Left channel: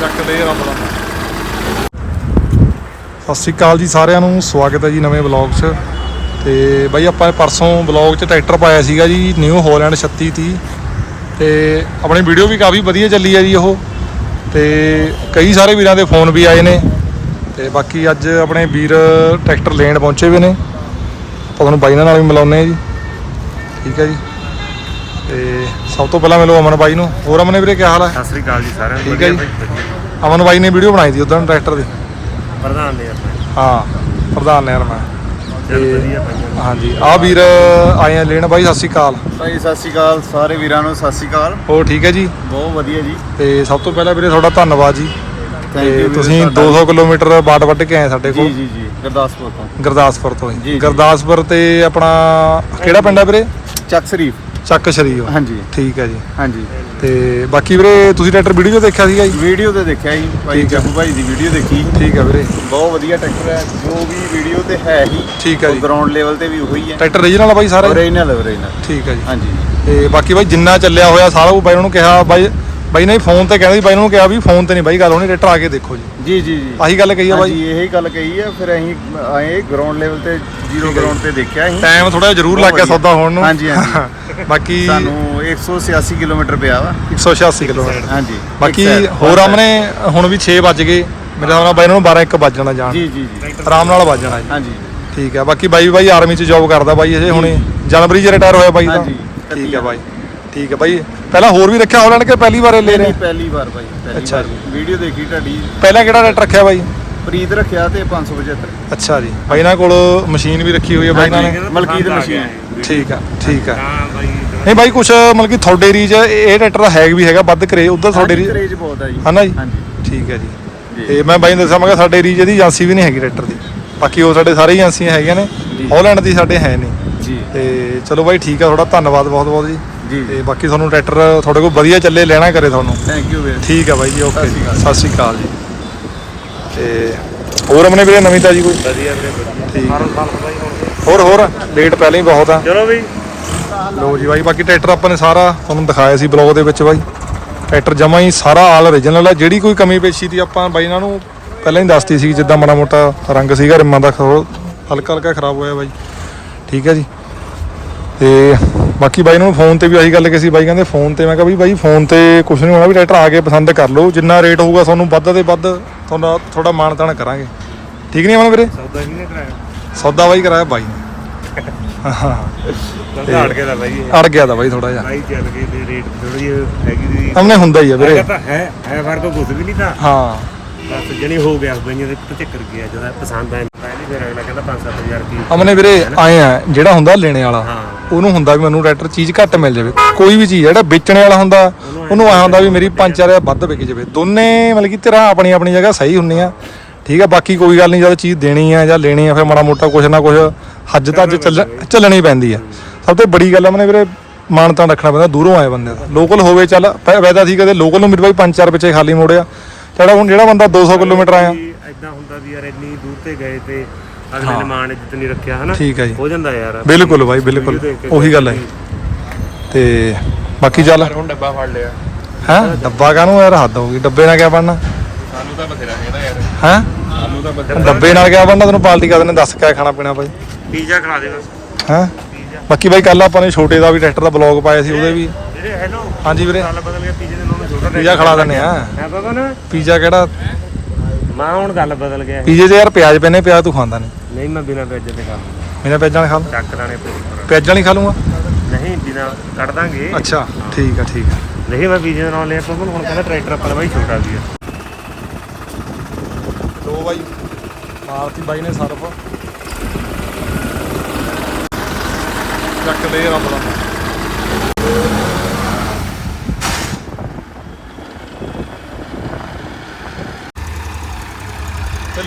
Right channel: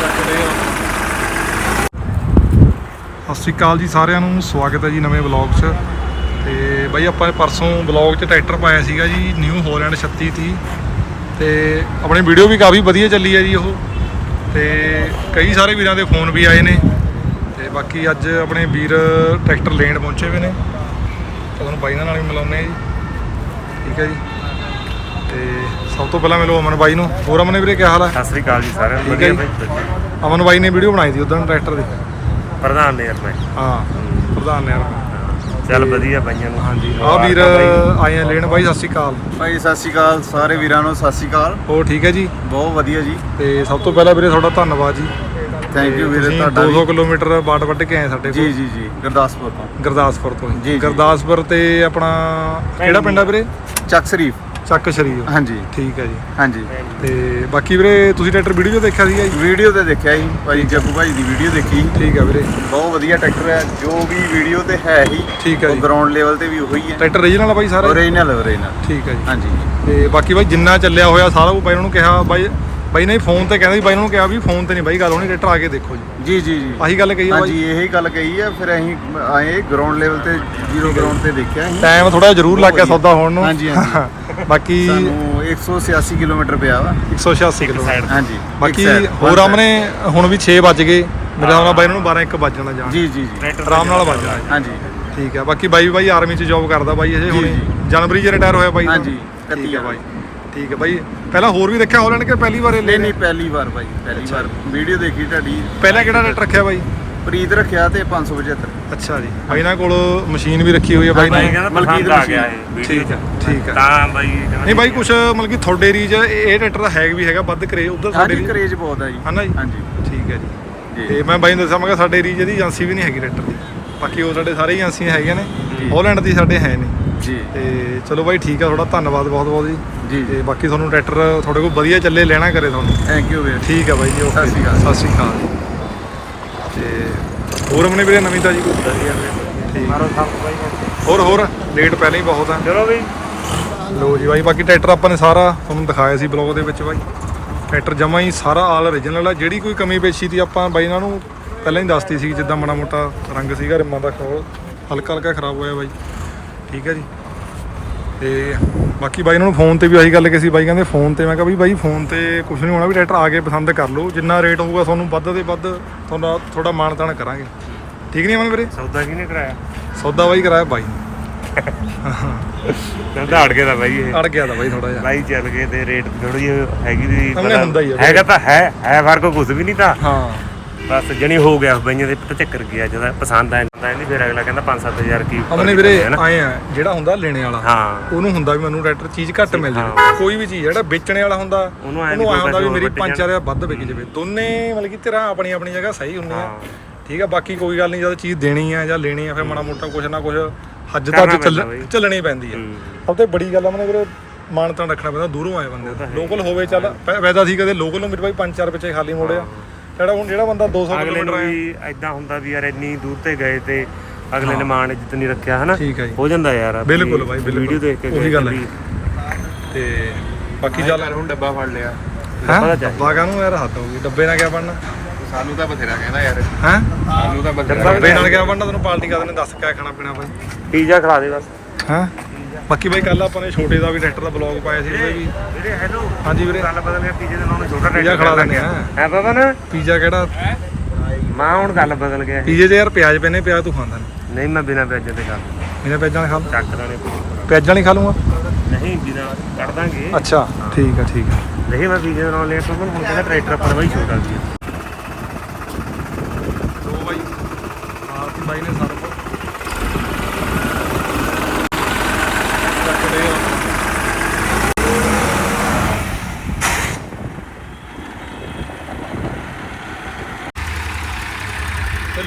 ਚੱਕ ਦੇ ਰੱਬ ਸਤਿ ਸ਼੍ਰੀ ਅਕਾਲ ਜੀ ਸਾਰਿਆਂ ਨੂੰ, ਸਵਾਗਤ ਹੈ ਜੀ ਨਵੇਂ ਵਲੌਗ 'ਚ। ਤੇ ਬਾਈ ਆਪਾਂ ਪਰਸੋਂ ਵਲੌਗ 'ਚ ਟਰੈਕਟਰ ਪਾਇਆ ਸੀਗਾ ਜੀ ਨਿਊ ਹੋਲੈਂਡ 3630 ਤੇ ਆਪਣੀ ਵੀਡੀਓ ਵੀ ਕਾਫੀ ਵਧੀਆ ਚੱਲੀ ਹੈ ਜੀ ਉਹ। ਤੇ ਕਈ ਸਾਰੇ ਵੀਰਾਂ ਦੇ ਫੋਨ ਵੀ ਆਏ ਨੇ। ਤੇ ਬਾਕੀ ਅੱਜ ਆਪਣੇ ਵੀਰ ਟਰੈਕਟਰ ਲੈਣ ਪਹੁੰਚੇ ਵੀ ਨੇ। ਆਪਾਂ ਤੁਹਾਨੂੰ ਬਾਈ ਨਾਲ ਵੀ ਮਿਲਾਉਂਦੇ ਆ ਜੀ। ਠੀਕ ਹੈ ਜੀ। ਤੇ ਸਭ ਤੋਂ ਪਹਿਲਾਂ ਮਿਲੋ ਅਮਨ ਬਾਈ ਨੂੰ। ਹੋਰ ਅਮਨ ਵੀਰੇ ਕੀ ਹਾਲ ਹੈ? ਸਤਿ ਸ੍ਰੀ ਅਕਾਲ ਜੀ ਸਾਰਿਆਂ ਨੂੰ। ਠੀਕ ਹੈ ਵਧੀਆ ਜੀ। ਬਾਈ ਵਧੀਆ। ਅਮਨ ਬਾਈ ਨੇ ਵੀਡੀਓ ਬਣਾਈ ਸੀ ਉਦੋਂ ਟਰੈਕਟਰ ਦੀ। ਪ੍ਰਧਾਨ ਨੇ ਯਾਰ ਮੈਂ। ਹਾਂ ਪ੍ਰਧਾਨ ਨੇ ਯਾਰ ਮੈਂ। ਚੱਲ ਵਧੀਆ ਪਾਈਆਂ ਨੂੰ। ਹਾਂਜੀ ਆ ਵੀਰ ਆਏ ਆ ਲੈਣ। ਬਾਈ ਸਤਿ ਸ਼੍ਰੀ ਅਕਾਲ। ਭਾਈ ਸਤਿ ਸ਼੍ਰੀ ਅਕਾਲ। ਸਾਰੇ ਵੀਰਾਂ ਨੂੰ ਸਤਿ ਸ਼੍ਰੀ ਅਕਾਲ। ਹੋਰ ਠੀਕ ਹੈ ਜੀ? ਬਹੁਤ ਵਧੀਆ ਜੀ। ਤੇ ਸਭ ਤੋਂ ਪਹਿਲਾਂ ਵੀਰੇ ਤੁਹਾਡਾ ਧੰਨਵਾਦ ਜੀ। ਥੈਂਕ ਤੇ ਯੂ ਵੀਰੇ ਤੁਸੀਂ ਤੁਹਾਡਾ 200 ਕਿਲੋਮੀਟਰ ਬਾਟ ਵੱਢ ਕੇ ਆਏ ਸਾਡੇ ਜੀ ਕੋਲ। ਜੀ ਜੀ ਗੁਰਦਾਸਪੁਰ ਤੋਂ। ਗੁਰਦਾਸਪੁਰ ਤੋਂ ਜੀ, ਜੀ ਜੀ। ਗੁਰਦਾਸਪੁਰ ਤੇ ਆਪਣਾ ਕਿਹੜਾ ਪਿੰਡ ਹੈ ਵੀਰੇ? ਚੱਕ ਸ਼ਰੀਫ। ਚੱਕ ਸ਼ਰੀਓ। ਹਾਂਜੀ। ਠੀਕ ਹੈ ਜੀ। ਹਾਂਜੀ। ਤੇ ਬਾਕੀ ਵੀਰੇ ਤੁਸੀਂ ਟਰੈਕਟਰ ਵੀਡੀਓ ਦੇਖਿਆ ਸੀਗਾ ਜੀ? ਵੀਡੀਓ ਤੇ ਦੇਖਿਆ ਜੀ ਭਾਈ ਠੀਕ ਹੈ। ਜੱਗੂ ਭਾਈ ਦੀ ਵੀਡੀਓ ਦੇਖੀ। ਠੀਕ ਹੈ ਵੀਰੇ। ਬਹੁਤ ਵਧੀਆ ਟਰੈਕਟਰ ਹੈ ਜੋ ਵੀ ਵੀਡੀਓ ਤੇ ਹੈ ਹੀ ਠੀਕ ਹੈ ਜੀ। ਗਰਾਊਂਡ ਲੈਵਲ ਤੇ ਵੀ ਉਹੀ ਹੈ। ਟਰੈਕਟਰ ਰੀਜਨਲ ਆ ਬਾਈ ਸਾਰਾ? ਹੀ? ਓਰੀਜਨਲ ਓਰੀਜਨਲ ਠੀਕ ਹੈ ਜੀ। ਹਾਂਜੀ। ਤੇ ਬਾਕੀ ਬਾਈ ਜਿੰਨਾ ਚੱਲਿਆ ਹੋਇਆ ਸਾਰਾ ਉਹ ਬਾਈ ਨੂੰ ਕਿਹਾ ਬਾਈ ਬਾਈ ਨੇ ਫੋਨ ਤੇ ਕਹਿੰਦਾ ਸੀ ਬਾਈ ਨੂੰ ਕਿਹਾ ਵੀ ਫੋਨ ਤੇ ਨਹੀਂ ਬਾਈ ਗੱਲ ਹੋਣੀ ਟਰੈਕਟਰ ਆ ਕੇ ਦੇਖੋ ਜੀ। ਜੀ ਜੀ ਜੀ। ਆਹੀ ਗੱਲ ਕਹੀ ਆ ਬਾਈ। ਹਾਂਜੀ ਇਹੀ ਗੱਲ ਕਹੀ ਹੈ ਫਿਰ ਅਸੀਂ ਆਏ ਗਰਾਊਂਡ ਲੈਵਲ ਤੇ ਜ਼ੀਰੋ ਜੀ। ਗਰਾਊਂਡ ਤੇ ਦੇਖਿਆ ਅਸੀਂ। ਟਾਈਮ ਥੋੜਾ ਜ਼ਰੂਰ ਲੱਗ ਗਿਆ ਸੌਦਾ ਹੋਣ ਨੂੰ। ਹਾਂਜੀ, ਹਾਂਜੀ। ਬਾਕੀ ਸਾਨੂੰ 186 ਕਿਲੋਮੀਟਰ ਪਿਆ ਵਾ। 186 ਕਿਲੋਮੀਟਰ। ਹਾਂਜੀ ਬਾਕੀ ਹੋਰ ਆਮਨੇ ਹੁਣ ਵੀ 6 ਵੱਜ ਗਏ। ਮੇਰੇ ਹਿਸਾਬ ਨਾਲ ਬਾਈ ਨੂੰ 12 1 ਵੱਜ ਜਾਣਾ ਜਾਣ। ਜੀ ਜੀ ਜੀ। ਆਰਾਮ ਨਾਲ ਵੱਜ ਜਾਣਾ ਜੀ। ਹਾਂਜੀ। ਠੀਕ ਹੈ ਬਾਕੀ ਬਾਈ ਬਾਈ ਆਰਮੀ ਚ ਜੌਬ ਕਰਦਾ ਬਾਈ ਇਹ ਹੁਣੇ। ਜਨਵਰੀ ਚ ਰਿਟਾਇਰ ਹੋਇਆ ਬਾਈ ਦਾ ਹਾਂਜੀ, ਠੀਕ ਹੈ ਬਾਈ। ਠੀਕ ਹੈ ਬਾਈ। ਪਹਿਲਾਂ ਹੋਰ ਵੀ ਰੱਖਿਆ ਹੋਲੈਂਡ ਕਿ ਪਹਿਲੀ ਵਾਰ ਇਹ ਲੈ ਨਹੀਂ ਰਹੇ? ਪਹਿਲੀ ਵਾਰ ਭਾਈ ਪਹਿਲੀ ਵਾਰ। ਵੀਡੀਓ ਦੇਖੀ ਤੁਹਾਡੀ। ਪਹਿਲਾਂ ਕਿਹੜਾ ਰੇਟ ਰੱਖਿਆ ਬਾਈ? ਪ੍ਰੀਤ ਰੱਖਿਆ ਤੇ 575 ਅੱਛਾ ਜੀ। ਬਾਈ ਨਾਲ ਕੋਲ ਮਸ਼ੀਨ ਵੀ ਰੱਖੀ ਹੋਈ ਹੈ ਬਾਈ ਨਾਲ। ਮਲਕੀਤ ਮਸ਼ੀਨ। ਠੀਕ ਹੈ ਠੀਕ ਹੈ ਤਾਂ ਬਾਈ ਨਹੀਂ ਬਾਈ ਕੁਛ ਮਤਲਬ ਕਿ ਤੁਹਾਡੇ ਰੀਜ ਇਹ ਟਰੈਕਟਰ ਦਾ ਹੈਗ ਵੀ ਹੈਗਾ ਵੱਧ ਕਰੇ ਉਧਰ ਸਾਡੇ ਹਾਂਜੀ ਰੀਜ ਕਰੇਜ ਬਹੁਤ ਹੈ ਜੀ। ਹਨਾ ਜੀ? ਹਾਂਜੀ। ਠੀਕ ਹੈ ਜੀ। ਤੇ ਮੈਂ ਬਾਈ ਨੂੰ ਦੱਸਾਂ ਮੈਂ ਸਾਡੇ ਰੀਜ ਦੀ ਏਜੰਸੀ ਵੀ ਨਹੀਂ ਹੈਗੀ ਟਰੈਕਟਰ ਦੀ। ਬਾਕੀ ਉਹ ਸਾਡੇ ਸਾਰੇ ਏਜੰਸੀਆਂ ਹੈਗੀਆਂ ਨੇ। ਹਾਲੈਂਡ ਦੀ ਸਾਡੇ ਹੈ ਨਹੀਂ। ਜੀ। ਤੇ ਚਲੋ ਬਾਈ ਠੀਕ ਆ ਤੁਹਾਡਾ ਧੰਨਵਾਦ ਬਹੁਤ ਬਹੁਤ ਜੀ। ਜੀ। ਤੇ ਬਾਕੀ ਤੁਹਾਨੂੰ ਟਰੈਕਟਰ ਤੁਹਾਡੇ ਕੋਲ ਵਧੀਆ ਚੱਲੇ ਲੈਣਾ ਕਰੇ ਤੁਹਾਨੂੰ। ਥੈਂਕ ਯੂ ਵੀਰੇ। ਠੀਕ ਆ ਬਾਈ ਜੀ ਓਕੇ ਜੀ। ਸਤਿ ਸ਼੍ਰੀ ਅਕਾਲ ਜੀ। ਤੇ ਹੋਰ ਆਪਣੇ ਵੀਰੇ ਨਵੀਂ ਤਾਜੀ ਕੋਈ? ਵਧੀਆ ਠੀਕ। ਮਾਰੋ ਬਾਈ। ਹੋਰ ਹੋਰ ਲੇਟ ਪਹਿਲਾਂ ਹੀ ਬਹੁਤ ਆ। ਚਲੋ ਬਈ। ਲੋ ਜੀ ਬਾਈ ਬਾਕੀ ਟਰੈਕਟਰ ਆਪਾਂ ਨੇ ਸਾਰਾ ਤੁਹਾਨੂੰ ਦਿਖਾਇਆ ਸੀ ਬਲੌਗ ਦੇ ਵਿੱਚ ਬਾਈ। ਟਰੈਕਟਰ ਜਮਾ ਹੀ ਸਾਰਾ ਆਲ ਓਰੀਜਨਲ ਆ। ਜਿਹੜੀ ਕੋਈ ਕਮੀ ਪੇਸ਼ੀ ਦੀ ਆਪਾਂ ਬਾਈ ਇਹਨਾਂ ਨੂੰ ਪਹਿਲਾਂ ਹੀ ਦੱਸਤੀ ਸੀ ਜਿੱਦਾਂ ਮਾੜਾ ਮੋਟਾ ਰੰਗ ਸੀਗਾ ਰਿਮਾਂ ਦਾ ਹਲਕਾ ਹਲਕਾ ਖਰਾਬ ਹੋਇਆ ਬਾਈ। ਠੀਕ ਹੈ ਜੀ। ਤੇ ਬਾਕੀ ਬਾਈ ਨੂੰ ਫੋਨ ਤੇ ਵੀ ਆਹੀ ਗੱਲ ਕਹੀ ਸੀ ਬਾਈ ਕਹਿੰਦੇ ਫੋਨ ਤੇ ਮੈਂ ਕਿਹਾ ਵੀ ਬਾਈ ਫੋਨ ਤੇ ਕੁਝ ਨਹੀਂ ਹੋਣਾ ਵੀ ਟਰੈਕਟਰ ਆ ਕੇ ਪਸੰਦ ਕਰ ਲਓ। ਜਿੰਨਾ ਰੇਟ ਹੋਊਗਾ ਤੁਹਾਨੂੰ ਵੱਧ ਤੇ ਵੱਧ ਤੁਹਾਨੂੰ ਥੋੜਾ ਮਾਣ ਤਾਣ ਕਰਾਂਗੇ। ਠੀਕ ਨਹੀਂ ਅਮਨ ਵੀਰੇ? ਸੌਦਾ ਕਿਹਨੇ ਕਰਾਇਆ? ਸੌਦਾ ਬਾਈ ਕਰਾਇਆ ਬਾਈ ਨੇ। ਹਾਂ ਅੜ ਗਿਆ ਤਾਂ ਬਾਈ ਇਹ। ਅੜ ਗਿਆ ਦਾ ਬਾਈ ਥੋੜਾ ਜਿਹਾ। ਬਾਈ ਚੱਲ ਗਏ ਤੇ ਰੇਟ ਥੋੜੀ ਹੈਗੀ ਸਾਹਮਣੇ ਹੁੰਦਾ ਹੀ ਵੀਰੇ। ਹੈਗਾ ਤਾਂ ਹੈ ਹੈ ਫ਼ਰਕ ਕੁਝ ਵੀ ਨਹੀਂ ਤਾਂ। ਹਾਂ। ਬਸ ਜਣੀ ਹੋ ਗਿਆ ਬਈਆਂ ਦੇ ਤੇ ਚੱਕਰ ਗਿਆ ਜਦੋਂ ਪਸੰਦ ਆ ਜਾਂਦਾ ਨਹੀਂ ਫਿਰ ਅਗਲਾ ਕਹਿੰਦਾ 5-7000 ਕੀ ਅਮਨੇ ਵੀਰੇ ਆਏ ਆ ਜਿਹੜਾ ਹੁੰਦਾ ਲੈਣੇ ਵਾਲਾ ਹਾਂ। ਉਹਨੂੰ ਹੁੰਦਾ ਵੀ ਮੈਨੂੰ ਟਰੈਕਟਰ ਚੀਜ਼ ਘੱਟ ਮਿਲ ਜਾਵੇ। ਕੋਈ ਵੀ ਚੀਜ਼ ਆ, ਜਿਹੜਾ ਵੇਚਣੇ ਵਾਲਾ ਹੁੰਦਾ ਉਹਨੂੰ ਐਂ ਉਹਨੂੰ ਆਇਆ ਹੁੰਦਾ ਵੀ ਮੇਰੀ ਵੱਧ 5000 ਵੱਧ ਵਿਕ ਜਾਵੇ। ਦੋਨੇ ਮਤਲਬ ਕਿ ਤੇਰਾ ਆਪਣੀ ਆਪਣੀ ਜਗ੍ਹਾ ਸਹੀ ਹੁੰਨੇ ਆ ਠੀਕ ਆ ਬਾਕੀ ਕੋਈ ਗੱਲ ਨਹੀਂ ਜਦ ਚੀਜ਼ ਦੇਣੀ ਆ ਜਾਂ ਲੈਣੀ ਆ ਫਿਰ ਮਾੜਾ ਮੋਟਾ ਕੁਛ ਨਾ ਕੁਛ ਹੱਜ ਤੱਕ। ਚੱਲਣੀ ਪੈਂਦੀ ਆ। ਸਭ ਤੋਂ ਵੱਡੀ ਗੱਲ ਅਮਨੇ ਵੀਰੇ ਮਾਨਤਾ ਰੱਖਣਾ ਪੈਂਦਾ ਦੂਰੋਂ ਆਏ ਬੰਦੇ ਦਾ। ਲੋਕਲ ਹੋਵੇ ਚੱਲ ਵੈਦਾ ਸੀ ਕਦੇ ਲੋਕਲ ਨੂੰ ਮੇਰੇ ਬਾਈ 5-4 ਪਿੱਛੇ ਖਾਲੀ ਮੋੜਿਆ ਜਿਹੜਾ ਹੁਣ ਜਿਹੜਾ ਬੰਦਾ 200 ਕਿਲੋਮੀਟਰ ਆਇਆ। ਐਦਾਂ ਹੁੰਦਾ ਵੀ ਯਾਰ ਇੰਨੀ ਦੂਰ ਤੇ ਗਏ ਤੇ ਅਗਲੇ ਨੇ ਮਾਣ ਇੱਜ਼ਤ ਨਹੀਂ ਰੱਖਿਆ ਹਨਾ? ਠੀਕ ਹੈ ਜੀ। ਹੋ ਜਾਂਦਾ ਯਾਰ। ਬਿਲਕੁਲ ਬਾਈ ਬਿਲਕੁਲ। ਕੇ ਉਹੀ ਗੱਲ ਹੈ। ਤੇ ਬਾਕੀ ਚੱਲ। ਹੁਣ ਡੱਬਾ ਫੜ ਲਿਆ। ਹੈਂ? ਡੱਬਾ ਕਾਹਨੂੰ ਯਾਰ? ਹੱਦ ਹੋਊਗੀ ਡੱਬੇ ਨਾਲ ਕਿਆ ਬਣਨਾ? ਸਾਨੂੰ ਤਾਂ ਬਥੇਰਾ ਕਹਿੰਦਾ ਯਾਰ। ਹੈਂ? ਸਾਨੂੰ ਤਾਂ ਬਥੇਰਾ ਡੱਬੇ ਨਾਲ ਕਿਆ ਬਣਨਾ? ਤੈਨੂੰ ਪਾਰਟੀ ਕਰਦੇ ਨੇ ਦੱਸ ਕਿਆ ਖਾਣਾ ਪੀਣਾ ਬਾਈ? ਪੀਜ਼ਾ ਖਿਲਾ ਦੇ ਬਸ। ਹੈਂ? ਬਾਕੀ ਬਾਈ ਕੱਲ ਆਪਾਂ ਨੇ ਛੋਟੇ ਦਾ ਵੀ ਟਰੈਕਟਰ ਦਾ ਬਲੌਗ ਪਾਇਆ ਸੀ ਉਹਦੇ ਵੀ ਹੈਲੋ ਹਾਂਜੀ ਵੀਰੇ। ਗੱਲ ਬਦਲ ਗਿਆ ਪੀਜ਼ੇ ਦੇ ਨਾਲੋਂ ਛੋਟਾ ਪੀਜ਼ਾ ਖਿਲਾ ਦਿੰਦੇ ਆ। ਹੈ ਪਤਾ ਨਾ? ਪੀਜ਼ਾ ਕਿਹੜਾ? ਮਾਂ ਹੁਣ ਗੱਲ ਬਦਲ ਗਿਆ। ਪੀਜ਼ੇ 'ਚ ਯਾਰ ਪਿਆਜ਼ ਪੈਨੇ ਪਿਆਜ਼ ਤੂੰ ਖਾਂਦਾ ਨਹੀਂ। ਨਹੀਂ ਮੈਂ ਬਿਨਾਂ ਪਿਆਜ਼ ਦੇ ਖਾ ਲੂੰਗਾ। ਮੈਨੇ ਪਿਆਜ਼ਾਂ ਨਾਲ ਖਾ ਲੂੰ? ਚੱਕ ਦਾਣੇ ਪੂਰੀ ਪਰ ਪਿਆਜ਼ਾਂ ਨਹੀਂ ਖਾ ਲੂੰਗਾ? ਨਹੀਂ ਬਿਨਾਂ ਕੱਢ ਦਾਂਗੇ। ਅੱਛਾ ਠੀਕ ਆ ਠੀਕ ਆ। ਨਹੀਂ ਮੈਂ ਪੀਜ਼ੇ ਦੇ ਨਾਲ ਲਿਆ ਕੋਲ ਹੁਣ ਕਹਿੰਦਾ ਟਰੈਕਟਰ ਆਪਣਾ ਬਾਈ ਛੋਟਾ ਵੀ ਹੈ ਦੋ ਬਾਈ ਮਾਰਤੀ ਬਾਈ ਨੇ ਸਰਫ ਚੱਕ ਦੇ ਰੱਬ ਦਾ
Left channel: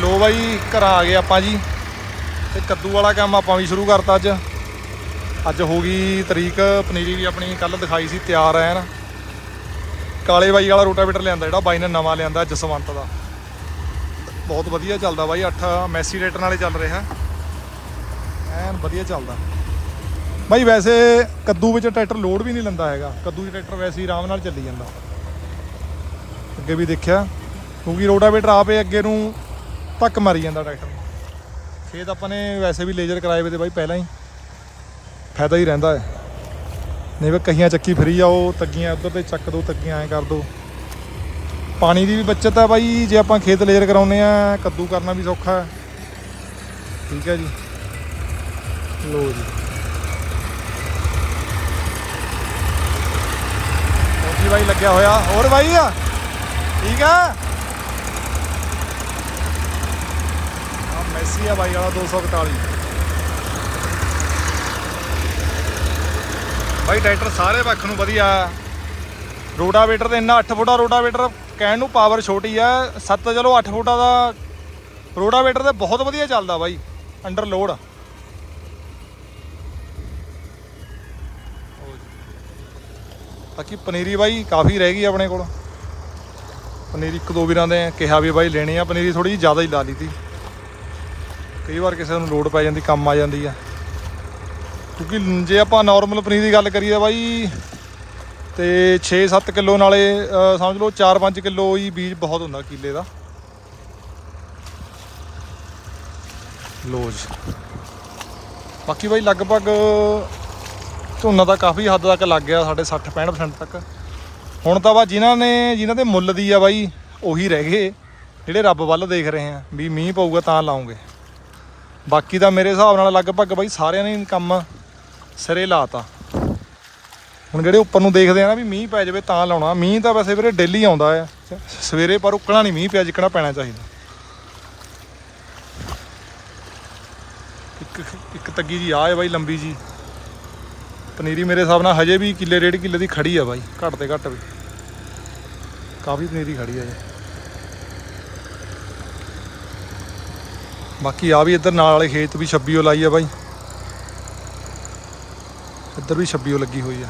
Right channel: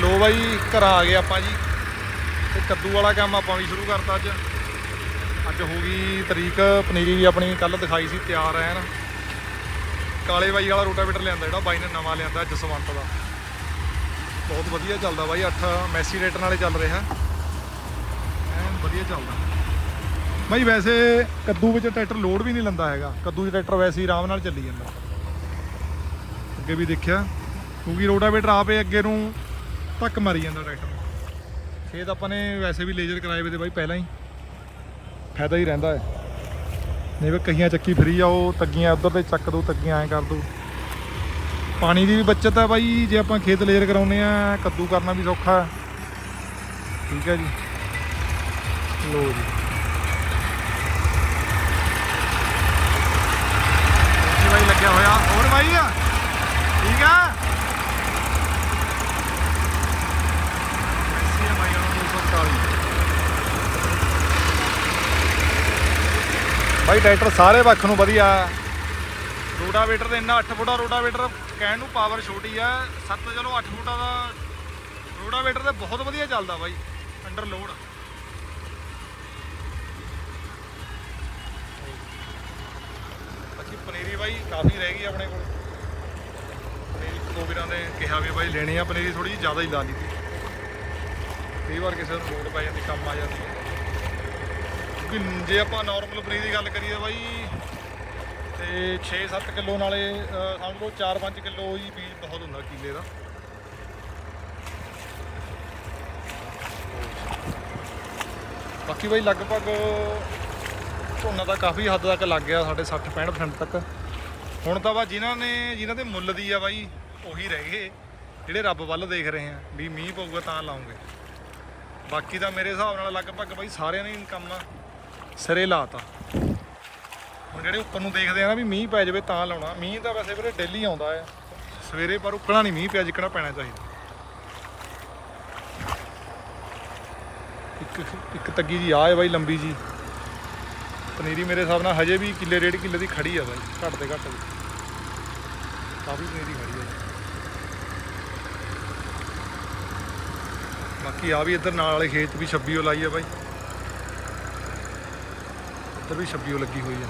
ਲੋ ਬਾਈ, ਘਰਾਂ ਆ ਗਏ ਆਪਾਂ ਜੀ। ਤੇ ਕੱਦੂ ਵਾਲਾ ਕੰਮ ਆਪਾਂ ਵੀ ਸ਼ੁਰੂ ਕਰਤਾ ਅੱਜ। ਅੱਜ ਹੋ ਗਈ ਤਰੀਕ, ਪਨੀਰੀ ਵੀ ਆਪਣੀ ਕੱਲ ਦਿਖਾਈ ਸੀ, ਤਿਆਰ ਐ ਨਾ ਕਾਲੇ ਬਾਈ ਵਾਲਾ ਰੋਟਾਵੇਟਰ ਲਿਆਂਦਾ ਜਿਹੜਾ, ਬਾਈ ਨੇ ਨਵਾਂ ਲਿਆਂਦਾ ਜਸਵੰਤ ਦਾ। ਬਹੁਤ ਵਧੀਆ ਚੱਲਦਾ ਬਾਈ 8 ਮੈਸੀ ਰੇਟਰ ਨਾਲੇ ਚੱਲ ਰਿਹਾ। ਐਨ ਵਧੀਆ ਚੱਲਦਾ। ਬਾਈ ਵੈਸੇ ਕੱਦੂ ਵਿੱਚ ਟਰੈਕਟਰ ਲੋਡ ਵੀ ਨਹੀਂ ਲੈਂਦਾ ਹੈਗਾ। ਕੱਦੂ 'ਚ ਟਰੈਕਟਰ ਵੈਸੇ ਹੀ ਆਰਾਮ ਨਾਲ ਚੱਲੀ ਜਾਂਦਾ। ਅੱਗੇ ਵੀ ਦੇਖਿਆ, ਕਿਉਂਕਿ ਰੋਟਾਵੇਟਰ ਆਪੇ ਅੱਗੇ ਨੂੰ ਧੱਕ ਮਾਰੀ ਜਾਂਦਾ ਟਰੈਕਟਰ ਨੂੰ। ਖੇਤ ਆਪਾਂ ਨੇ ਵੈਸੇ ਵੀ ਲੇਜ਼ਰ ਕਰਾਏ ਵੇ ਤੇ ਬਾਈ ਪਹਿਲਾਂ ਹੀ। ਫਾਇਦਾ ਹੀ ਰਹਿੰਦਾ ਹੈ। ਨਹੀਂ ਵੇ ਕਹੀਆਂ ਚੱਕੀ ਫਰੀ ਜਾਓ ਤੱਗੀਆਂ ਉੱਧਰ ਤੇ ਚੱਕ ਦੋ, ਤੱਗੀਆਂ ਐਂ ਕਰ ਦੋ। ਪਾਣੀ ਦੀ ਵੀ ਬਚਤ ਹੈ ਬਾਈ, ਜੇ ਆਪਾਂ ਖੇਤ ਲੇਜ਼ਰ ਕਰਾਉਨੇ ਆ, ਕੱਦੂ ਕਰਨਾ ਵੀ ਸੌਖਾ ਠੀਕ ਹੈ ਜੀ। ਲੋ ਜੀ। ਜੀ ਬਾਈ, ਲੱਗਿਆ ਹੋਇਆ? ਹੋਰ ਬਾਈ? ਠੀਕ ਆ ਆਹ ਮੈਸੀ ਆ ਬਾਈ ਵਾਲਾ 241 ਬਾਈ ਟਰੈਕਟਰ ਸਾਰੇ ਪੱਖ ਨੂੰ ਵਧੀਆ। ਰੋਡਾਵੇਟਰ ਤੇ ਇੰਨਾ 8 ਫੁੱਟਾ ਰੋਡਾਵੇਟਰ ਕਹਿਣ ਨੂੰ ਪਾਵਰ ਛੋਟੀ ਆ। 7 ਚਲੋ 8 ਫੁੱਟਾ ਦਾ ਰੋਡਾਵੇਟਰ ਤੇ ਬਹੁਤ ਵਧੀਆ ਚੱਲਦਾ ਬਾਈ ਅੰਡਰ ਲੋਡ ਬਾਕੀ ਪਨੀਰੀ ਬਾਈ ਕਾਫੀ ਰਹਿ ਗਈ ਆਪਣੇ ਕੋਲ। ਪਨੀਰੀ ਇੱਕ ਦੋ ਵੀਰਾਂ ਦੇ ਕਿਹਾ ਵੀ ਬਾਈ ਲੈਣੀ ਆ, ਪਨੀਰੀ ਥੋੜੀ ਜਿਹੀ ਜ਼ਿਆਦਾ ਹੀ ਲਾ ਲਈ ਤੀ। ਕਈ ਵਾਰ ਕਿਸੇ ਨੂੰ ਲੋਡ ਪੈ ਜਾਂਦੀ, ਕੰਮ ਆ ਜਾਂਦੀ ਆ। ਕਿਉਂਕਿ ਜੇ ਆਪਾਂ ਨਾਰਮਲ ਪਨੀਰ ਦੀ ਗੱਲ ਕਰੀਏ ਬਾਈ, ਤੇ 6-7 ਕਿਲੋ ਨਾਲੇ ਸਮਝ ਲਓ 4-5 ਕਿਲੋ ਹੀ ਬੀਜ ਬਹੁਤ ਹੁੰਦਾ ਕਿਲੇ ਦਾ। ਲੋਜ ਬਾਕੀ ਬਾਈ ਲਗਭਗ ਝੋਨਾ ਤਾਂ ਕਾਫੀ ਹੱਦ ਤੱਕ ਲੱਗ ਗਿਆ, ਸਾਡੇ 60-65% ਤੱਕ। ਹੁਣ ਤਾਂ ਵਾ ਜਿਨ੍ਹਾਂ ਨੇ, ਜਿਨ੍ਹਾਂ ਦੇ ਮੁੱਲ ਦੀ ਆ ਬਾਈ, ਉਹੀ ਰਹਿ ਗਏ। ਜਿਹੜੇ ਰੱਬ ਵੱਲ ਦੇਖ ਰਹੇ ਆ, ਵੀ ਮੀਂਹ ਪਊਗਾ ਤਾਂ ਲਾਉਂਗੇ। ਬਾਕੀ ਤਾਂ ਮੇਰੇ ਹਿਸਾਬ ਨਾਲ ਲਗਭਗ ਬਾਈ ਸਾਰਿਆਂ ਨੇ ਕੰਮ ਸਿਰੇ ਲਾਤਾ। ਹੁਣ ਜਿਹੜੇ ਉੱਪਰ ਨੂੰ ਦੇਖਦੇ ਆ ਨਾ ਵੀ ਮੀਂਹ ਪੈ ਜਾਵੇ ਤਾਂ ਲਾਉਣਾ। ਮੀਂਹ ਤਾਂ ਵੈਸੇ ਵੀਰੇ ਡੇਲੀ ਆਉਂਦਾ ਆ। ਸਵੇਰੇ ਪਰ ਉੱਕਣਾ ਨਹੀਂ, ਮੀਂਹ ਪਿਆ ਜਿੱਕਣਾ ਪੈਣਾ ਚਾਹੀਦਾ। ਇੱਕ ਇੱਕ ਤੱਗੀ ਜੀ ਆ ਹੈ ਬਾਈ ਲੰਬੀ ਜੀ। ਪਨੀਰੀ ਮੇਰੇ ਹਿਸਾਬ ਨਾਲ ਹਜੇ ਵੀ ਕਿੱਲੇ ਡੇਢ ਕਿੱਲੇ ਦੀ ਖੜੀ ਆ ਬਾਈ, ਘੱਟ ਤੇ ਘੱਟ ਵੀ। ਕਾਫੀ ਪਨੀਰੀ ਖੜੀ ਆ ਜੀ ਬਾਕੀ ਆ ਵੀ ਇੱਧਰ ਨਾਲ ਵਾਲੇ ਖੇਤ ਵੀ 26 ਓ ਲਾਈ ਆ ਬਾਈ। ਇੱਧਰ ਵੀ 26 ਓ ਲੱਗੀ ਹੋਈ ਆ।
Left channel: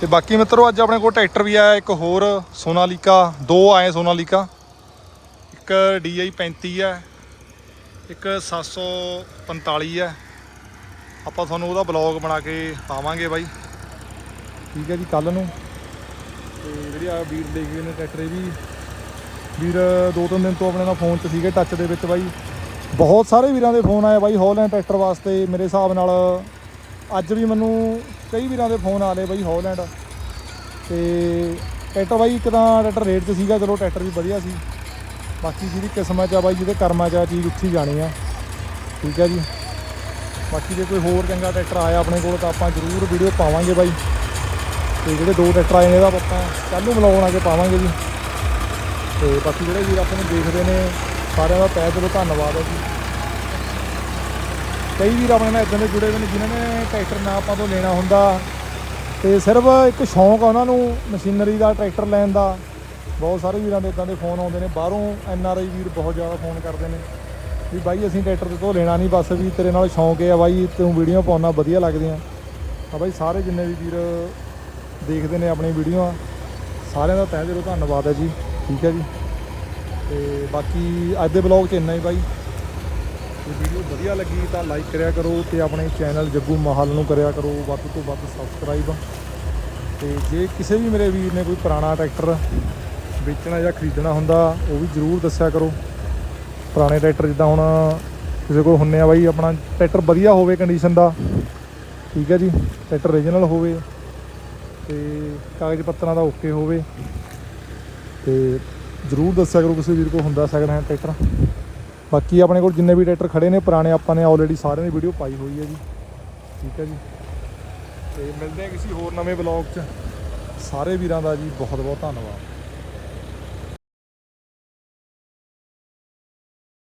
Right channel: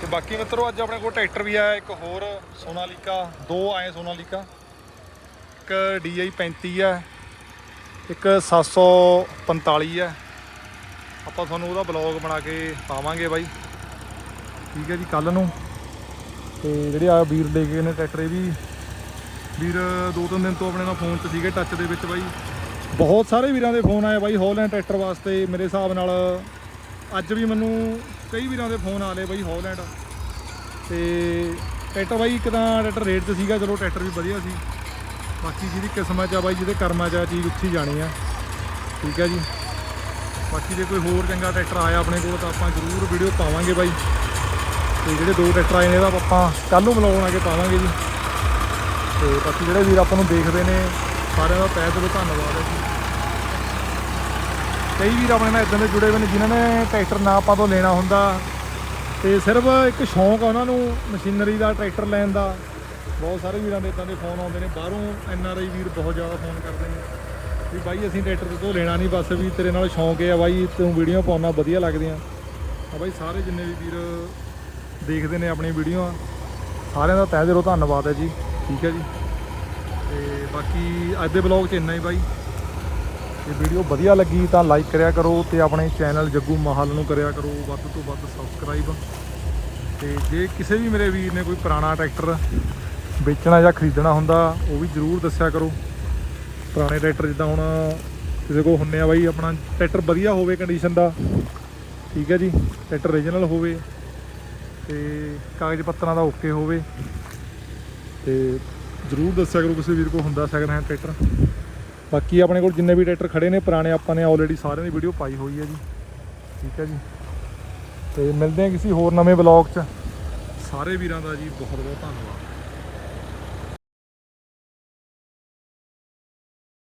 ਤੇ ਬਾਕੀ ਮਿੱਤਰੋ, ਅੱਜ ਆਪਣੇ ਕੋਲ ਟਰੈਕਟਰ ਵੀ ਆਇਆ ਇੱਕ ਹੋਰ ਸੋਨਾਲੀਕਾ, ਦੋ ਆਏ ਸੋਨਾਲੀਕਾ। ਇੱਕ DI 35 ਹੈ ਇੱਕ 745 ਹੈ ਆਪਾਂ ਤੁਹਾਨੂੰ ਉਹਦਾ ਬਲੌਗ ਬਣਾ ਕੇ ਪਾਵਾਂਗੇ ਬਾਈ। ਠੀਕ ਹੈ ਜੀ ਕੱਲ ਨੂੰ। ਤੇ ਜਿਹੜੇ ਆ ਵੀਰ ਲੈ ਕੇ ਗਏ ਨੇ ਟਰੈਕਟਰ, ਇਹ ਵੀ ਵੀਰ, ਦੋ ਤਿੰਨ ਦਿਨ ਤੋਂ ਆਪਣੇ ਨਾਲ ਫੋਨ 'ਚ ਸੀਗੇ ਟੱਚ ਦੇ ਵਿੱਚ ਬਾਈ। ਬਹੁਤ ਸਾਰੇ ਵੀਰਾਂ ਦੇ ਫੋਨ ਆਏ ਬਾਈ ਹੌਲੈਂਡ ਟਰੈਕਟਰ ਵਾਸਤੇ, ਮੇਰੇ ਹਿਸਾਬ ਨਾਲ ਅੱਜ ਵੀ ਮੈਨੂੰ ਕਈ ਵੀਰਾਂ ਦੇ ਫੋਨ ਆ ਲਏ ਬਾਈ ਹੌਲੈਂਡ ਤੇ ਟਰੈਕਟਰ ਬਾਈ, ਇੱਕ ਤਾਂ ਟਰੈਕਟਰ ਰੇਟ 'ਚ ਸੀਗਾ, ਚਲੋ ਟਰੈਕਟਰ ਵੀ ਵਧੀਆ ਸੀ। ਬਾਕੀ ਜਿਹਦੀ ਕਿਸਮਾਂ 'ਚ ਆ ਬਾਈ, ਜਿਹਦੇ ਕਰਮਾਂ 'ਚ ਆ, ਚੀਜ਼ ਉੱਥੇ ਹੀ ਜਾਣੀ ਆ। ਠੀਕ ਹੈ ਜੀ। ਬਾਕੀ ਜੇ ਕੋਈ ਹੋਰ ਚੰਗਾ ਟਰੈਕਟਰ ਆਇਆ ਆਪਣੇ ਕੋਲ, ਤਾਂ ਆਪਾਂ ਜ਼ਰੂਰ ਵੀਡੀਓ ਪਾਵਾਂਗੇ ਬਾਈ। ਤੇ ਜਿਹੜੇ ਦੋ ਟਰੈਕਟਰ ਆਏ ਨੇ, ਇਹਦਾ ਆਪਾਂ ਕੱਲ ਨੂੰ ਬਲੌਗ ਬਣਾ ਕੇ ਪਾਵਾਂਗੇ ਜੀ। ਤੇ ਬਾਕੀ ਜਿਹੜੇ ਵੀਰ ਆਪਾਂ ਨੂੰ ਦੇਖਦੇ ਨੇ, ਸਾਰਿਆਂ ਦਾ ਤਹਿ ਦਿਲੋਂ ਧੰਨਵਾਦ ਹੈ ਜੀ। ਕਈ ਵੀਰ ਆਪਣੇ ਨਾਲ ਇਦਾਂ ਦੇ ਜੁੜੇ ਹੋਏ ਨੇ ਜਿਨ੍ਹਾਂ ਨੇ ਟਰੈਕਟਰ ਨਾ ਆਪਾਂ ਤੋਂ ਲੈਣਾ ਹੁੰਦਾ। ਤੇ ਸਿਰਫ ਇੱਕ ਸ਼ੌਂਕ ਆ ਉਹਨਾਂ ਨੂੰ, ਮਸ਼ੀਨਰੀ ਦਾ, ਟਰੈਕਟਰ ਲੈਣ ਦਾ। ਬਹੁਤ ਸਾਰੇ ਵੀਰਾਂ ਦੇ ਇਦਾਂ ਦੇ ਫੋਨ ਆਉਂਦੇ ਨੇ। ਬਾਹਰੋਂ ਐਨ ਆਰ ਆਈ ਵੀਰ ਬਹੁਤ ਜ਼ਿਆਦਾ ਫੋਨ ਕਰਦੇ ਨੇ ਵੀ ਬਾਈ ਅਸੀਂ ਟਰੈਕਟਰ ਤੇ ਤੋਂ ਲੈਣਾ ਨਹੀਂ, ਬਸ ਵੀ ਤੇਰੇ ਨਾਲ ਸ਼ੌਂਕ ਹੈ ਬਾਈ, ਤੂੰ ਵੀਡੀਓ ਪਾਉਣਾ ਵਧੀਆ ਲੱਗਦੀਆਂ। ਤਾਂ ਬਾਈ ਸਾਰੇ ਜਿੰਨੇ ਵੀ ਵੀਰ ਦੇਖਦੇ ਨੇ ਆਪਣੀ ਵੀਡੀਓ, ਸਾਰਿਆਂ ਦਾ ਤਹਿ ਦਿਲੋਂ ਧੰਨਵਾਦ ਹੈ ਜੀ। ਠੀਕ ਹੈ ਜੀ। ਤੇ ਬਾਕੀ ਅੱਜ ਦੇ ਬਲੌਗ 'ਚ ਇੰਨਾ ਹੀ ਬਾਈ। ਜੇ ਵੀਡੀਓ ਵਧੀਆ ਲੱਗੀ ਤਾਂ ਲਾਈਕ ਕਰਿਆ ਕਰੋ ਤੇ ਆਪਣੇ ਚੈਨਲ ਜੱਗੂ ਮਾਹਲ ਨੂੰ ਕਰਿਆ ਕਰੋ। ਵੱਧ ਤੋਂ ਵੱਧ ਸਬਸਕ੍ਰਾਈਬ ਤੇ ਜੇ ਕਿਸੇ ਵੀ ਮੇਰੇ ਵੀਰ ਨੇ ਕੋਈ ਪੁਰਾਣਾ ਟਰੈਕਟਰ ਵੇਚਣਾ ਜਾਂ ਖਰੀਦਣਾ ਹੁੰਦਾ, ਉਹ ਵੀ ਜਰੂਰ ਦੱਸਿਆ ਕਰੋ। ਪੁਰਾਣੇ ਟਰੈਕਟਰ ਜਿੱਦਾਂ ਹੁਣ ਕਿਸੇ ਕੋਲ ਹੁੰਨੇ ਆ ਬਾਈ, ਆਪਣਾ ਟਰੈਕਟਰ ਵਧੀਆ ਹੋਵੇ ਕੰਡੀਸ਼ਨ ਦਾ, ਠੀਕ ਹੈ ਜੀ। ਟਰੈਕਟਰ ਓਰੀਜਨਲ ਹੋਵੇ ਤੇ ਕਾਗਜ਼ ਪੱਤਰਾਂ ਦਾ ਓਕੇ ਹੋਵੇ। ਤੇ ਜਰੂਰ ਦੱਸਿਆ ਕਰੋ ਕਿਸੇ ਵੀਰ ਕੋਲ ਹੁੰਦਾ ਸੈਕਿੰਡ ਹੈਂਡ ਟਰੈਕਟਰ। ਬਾਕੀ ਆਪਣੇ ਕੋਲ ਜਿੰਨੇ ਵੀ ਟਰੈਕਟਰ ਖੜੇ ਨੇ, ਪੁਰਾਣੇ ਆਪਾਂ ਨੇ ਆਲਰੇਡੀ ਸਾਰਿਆਂ ਦੀ ਵੀਡੀਓ ਪਾਈ ਹੋਈ ਹੈ ਜੀ। ਠੀਕ ਹੈ ਜੀ। ਤੇ ਮਿਲਦੇ ਹਾਂ ਕਿਸੇ ਹੋਰ ਨਵੇਂ ਬਲੌਗ 'ਚ। ਸਾਰੇ ਵੀਰਾਂ ਦਾ ਜੀ ਬਹੁਤ ਬਹੁਤ ਧੰਨਵਾਦ।